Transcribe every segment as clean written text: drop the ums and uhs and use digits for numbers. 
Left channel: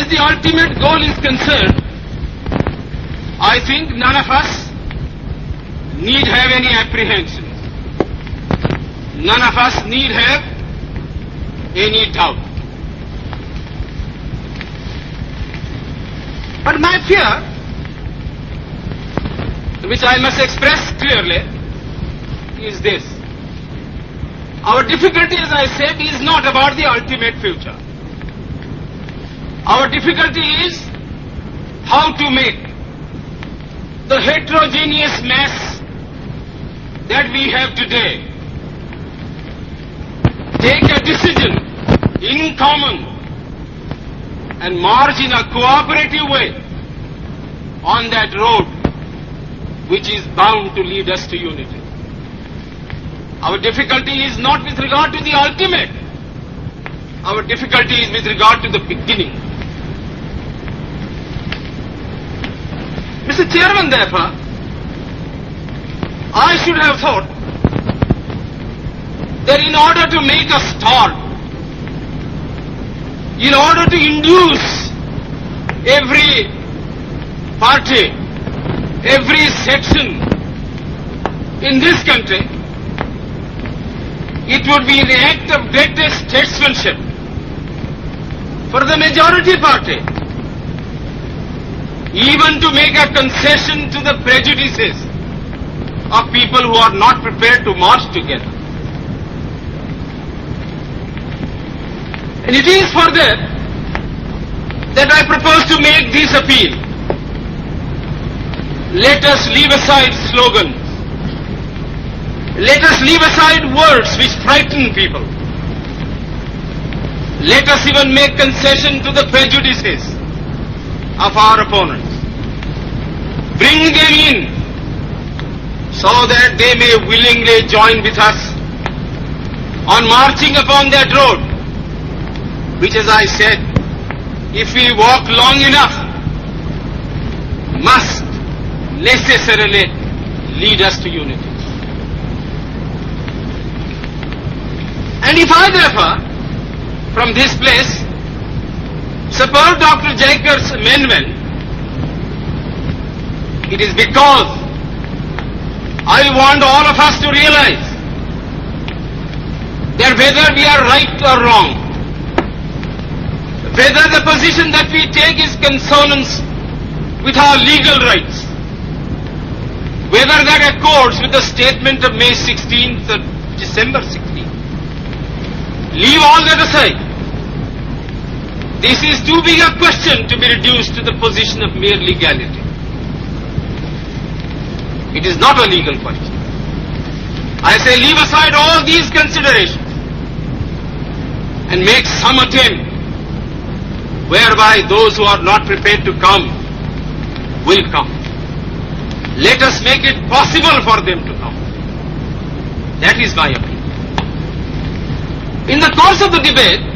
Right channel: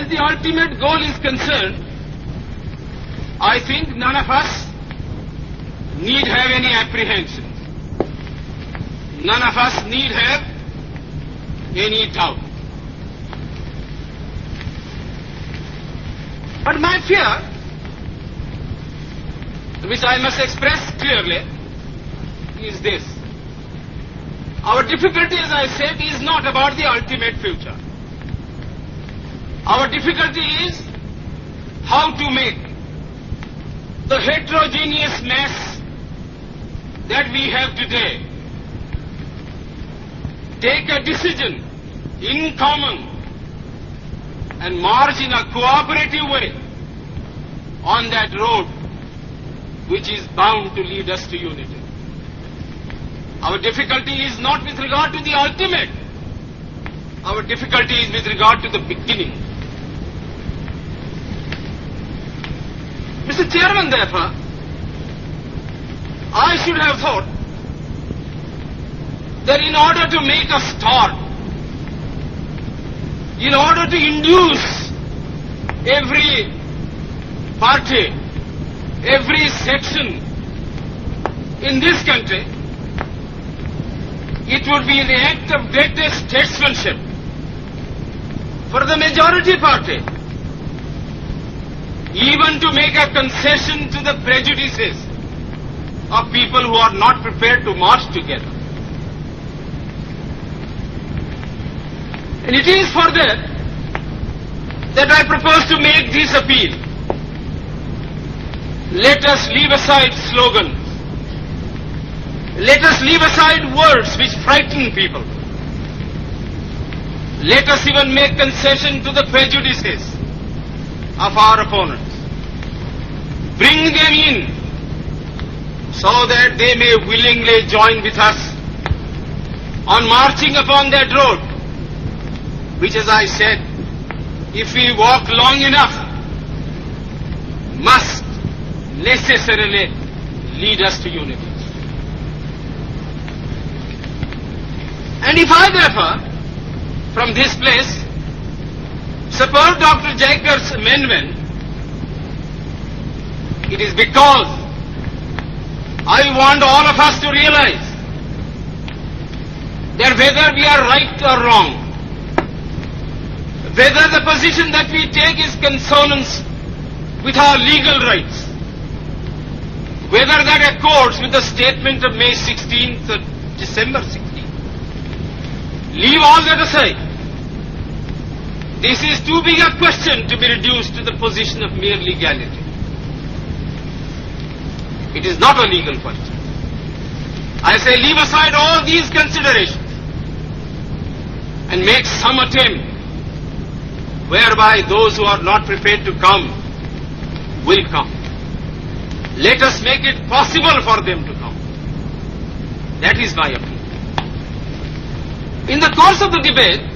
as the ultimate goal is concerned, I think none of us need have any apprehension. None of us need have any doubt. But my fear, which I must express clearly, is this. Our difficulty, as I said, is not about the ultimate future. Our difficulty is how to make the heterogeneous mass that we have today take a decision in common and march in a cooperative way on that road which is bound to lead us to unity. Our difficulty is not with regard to the ultimate. Our difficulty is with regard to the beginning. Mr. Chairman, therefore, I should have thought that in order to make a start, in order to induce every party, every section in this country, it would be the act of greatest statesmanship for the majority party even to make a concession to the prejudices of people who are not prepared to march together. And it is for that I propose to make this appeal. Let us leave aside slogans. Let us leave aside words which frighten people. Let us even make concession to the prejudices of our opponents. Bring them in so that they may willingly join with us on marching upon that road, which, as I said, if we walk long enough, must necessarily lead us to unity. And if I therefore, from this place, support Dr. Jaikar's amendment, it is because I want all of us to realize that whether we are right or wrong, whether the position that we take is consonance with our legal rights, whether that accords with the statement of May 16th or December 16th, leave all that aside. This is too big a question to be reduced to the position of mere legality. It is not a legal question. I say leave aside all these considerations and make some attempt whereby those who are not prepared to come will come. Let us make it possible for them to come. That is my opinion. In the course of the debate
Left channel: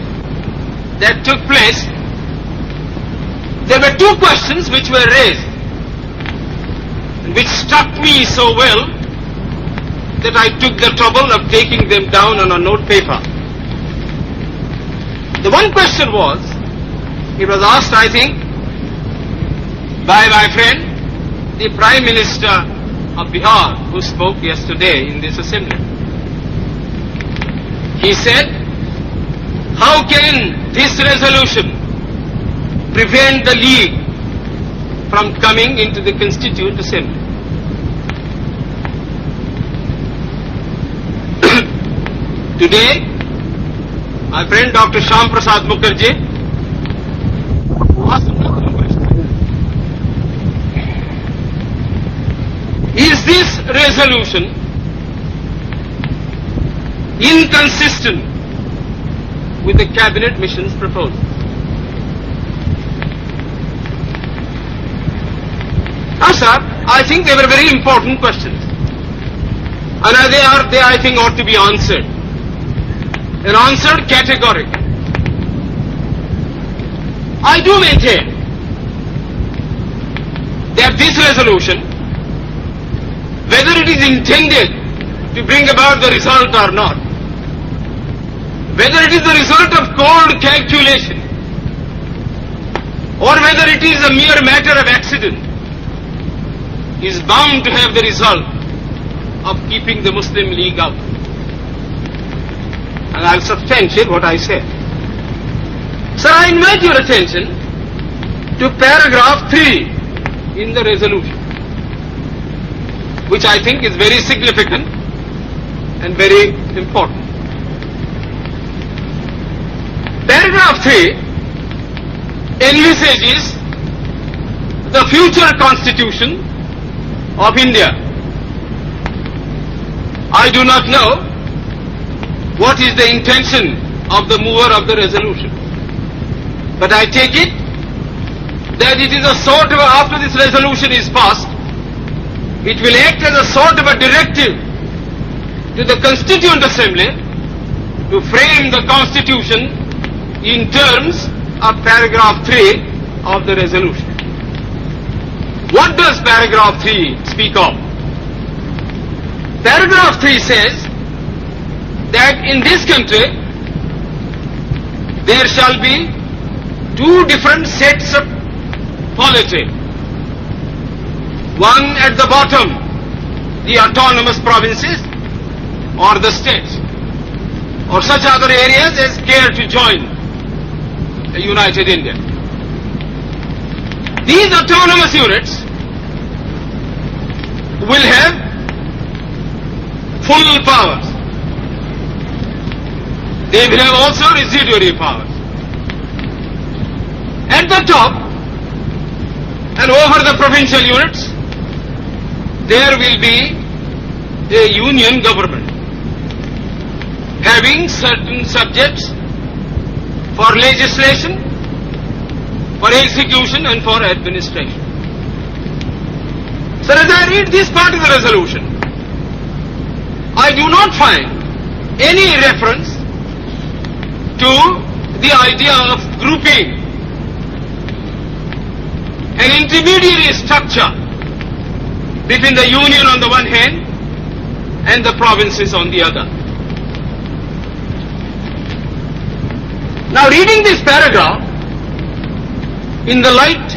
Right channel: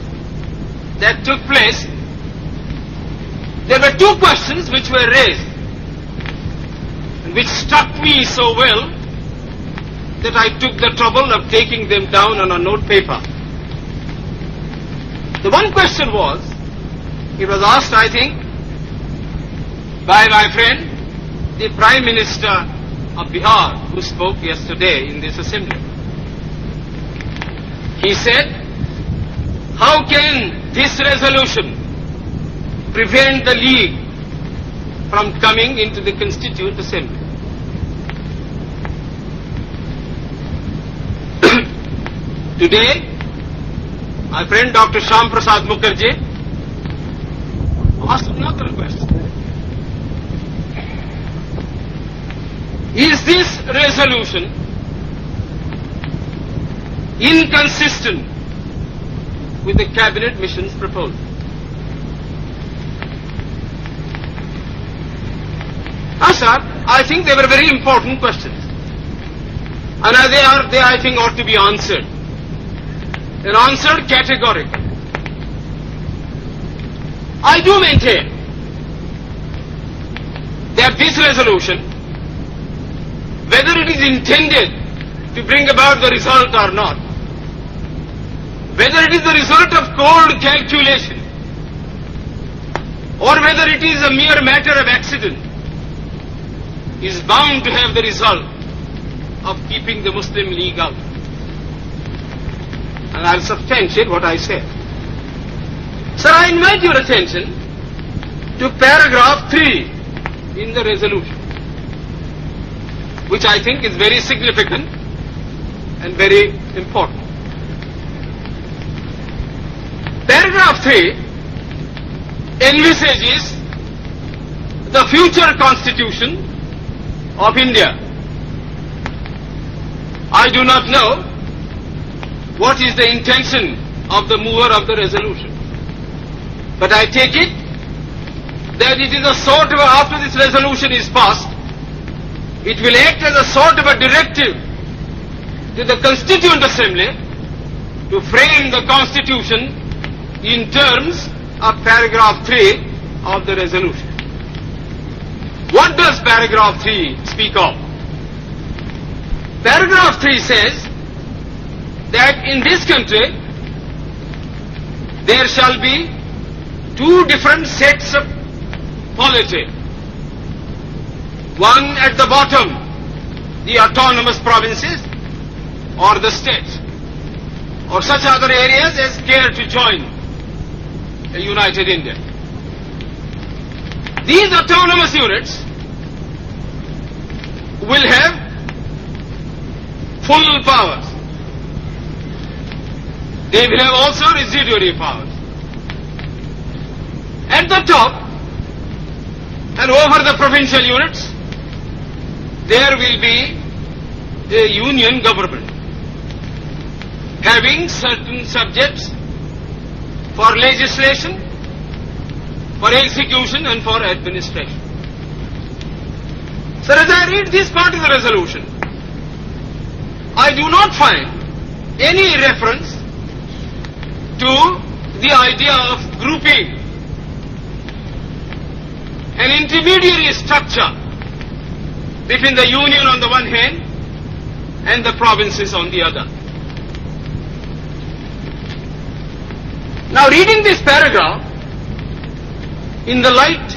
that took place, there were two questions which were raised, and which struck me so well that I took the trouble of taking them down on a note paper. The one question was, it was asked, I think, by my friend, the Prime Minister of Bihar, who spoke yesterday in this assembly. He said, how can this resolution prevent the League from coming into the Constituent Assembly? Today, my friend Dr. Shyam Prasad Mukherjee asked another question. Is this resolution inconsistent with the Cabinet Mission's proposal? Now, sir, I think they were very important questions. And they I think, ought to be answered. And answered categorically. I do maintain that this resolution, whether it is intended to bring about the result or not, whether it is the result of cold calculation, or whether it is a mere matter of accident, is bound to have the result of keeping the Muslim League out. And I'll substantiate what I said. Sir, I invite your attention to paragraph 3 in the resolution, which I think is very significant and very important. Paragraph 3 envisages the future constitution of India. I do not know what is the intention of the mover of the resolution, but I take it that it is a sort of, after this resolution is passed, it will act as a sort of a directive to the Constituent Assembly to frame the Constitution in terms of paragraph 3 of the resolution. What does paragraph 3 speak of? Paragraph 3 says that in this country there shall be two different sets of polity. One at the bottom, the autonomous provinces or the states, or such other areas as care to join a united India. These autonomous units will have full powers. They will have also residuary powers. At the top and over the provincial units, there will be a union government having certain subjects for legislation, for execution and for administration. So as I read this part of the resolution, I do not find any reference to the idea of grouping an intermediary structure between the union on the one hand and the provinces on the other. Now, reading this paragraph in the light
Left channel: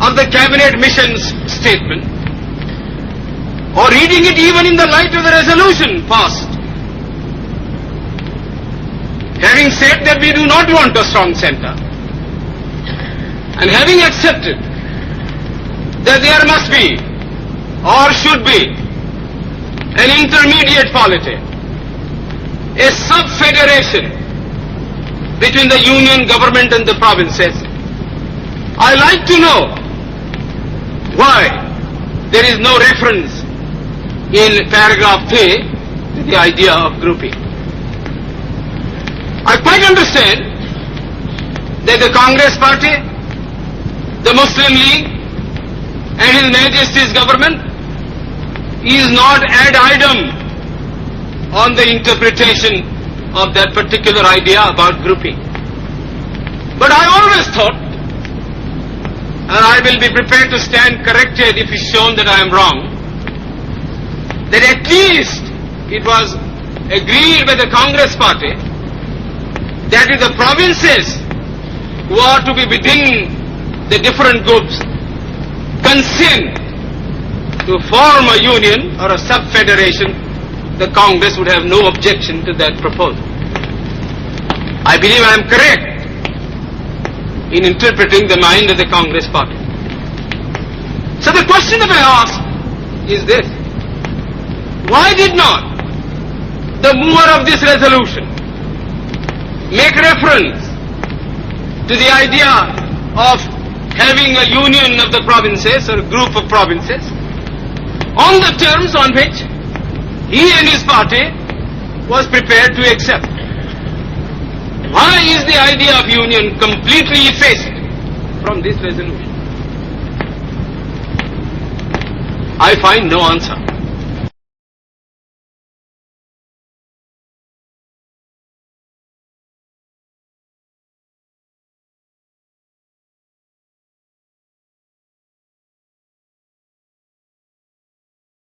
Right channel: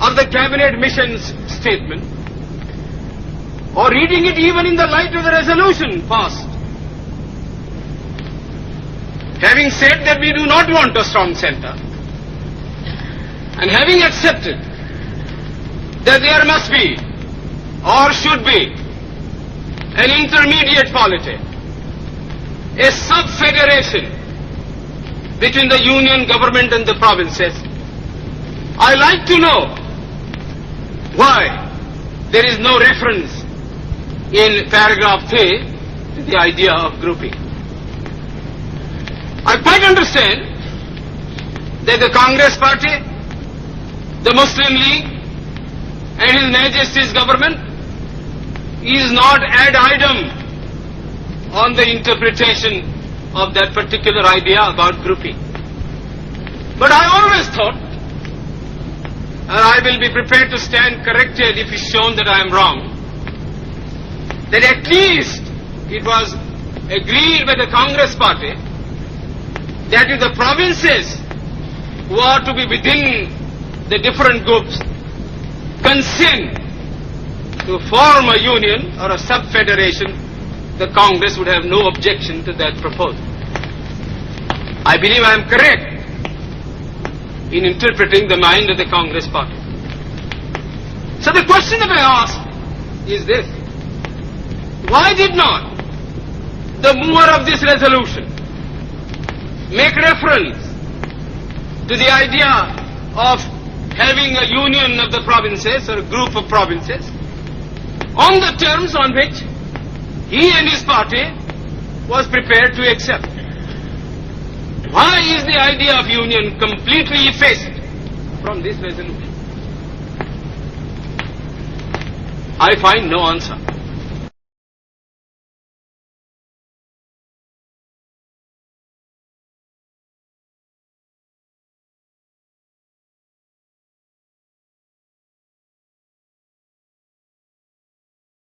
of the cabinet mission's statement, or reading it even in the light of the resolution passed, having said that we do not want a strong center, and having accepted that there must be or should be an intermediate polity, a sub-federation between the union government and the provinces, I like to know why there is no reference in paragraph 3 to the idea of grouping. I quite understand that the Congress Party, the Muslim League and His Majesty's government is not ad idem on the interpretation of that particular idea about grouping. But I always thought, and I will be prepared to stand corrected if it's shown that I am wrong, that at least it was agreed by the Congress Party that if the provinces who are to be within the different groups consent to form a union or a sub-federation, the Congress would have no objection to that proposal. I believe I am correct in interpreting the mind of the Congress Party. So the question that I ask is this: why did not the mover of this resolution make reference to the idea of having a union of the provinces or a group of provinces on the terms on which he and his party was prepared to accept? Why is the idea of union completely effaced from this resolution? I find no answer.